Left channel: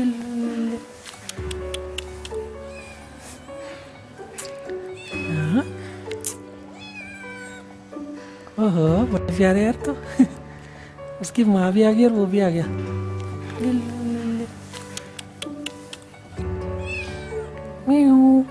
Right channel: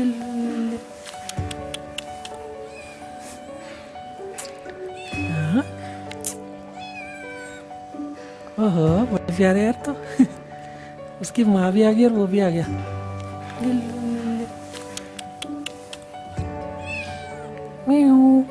हाँ, ओहो बड़े प्यारे यार तो। उसकी माँ भी आ गई और वो भी आ गया। म्याऊ।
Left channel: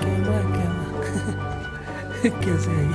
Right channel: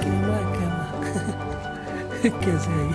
कैमरा कैमरा कैसे आई।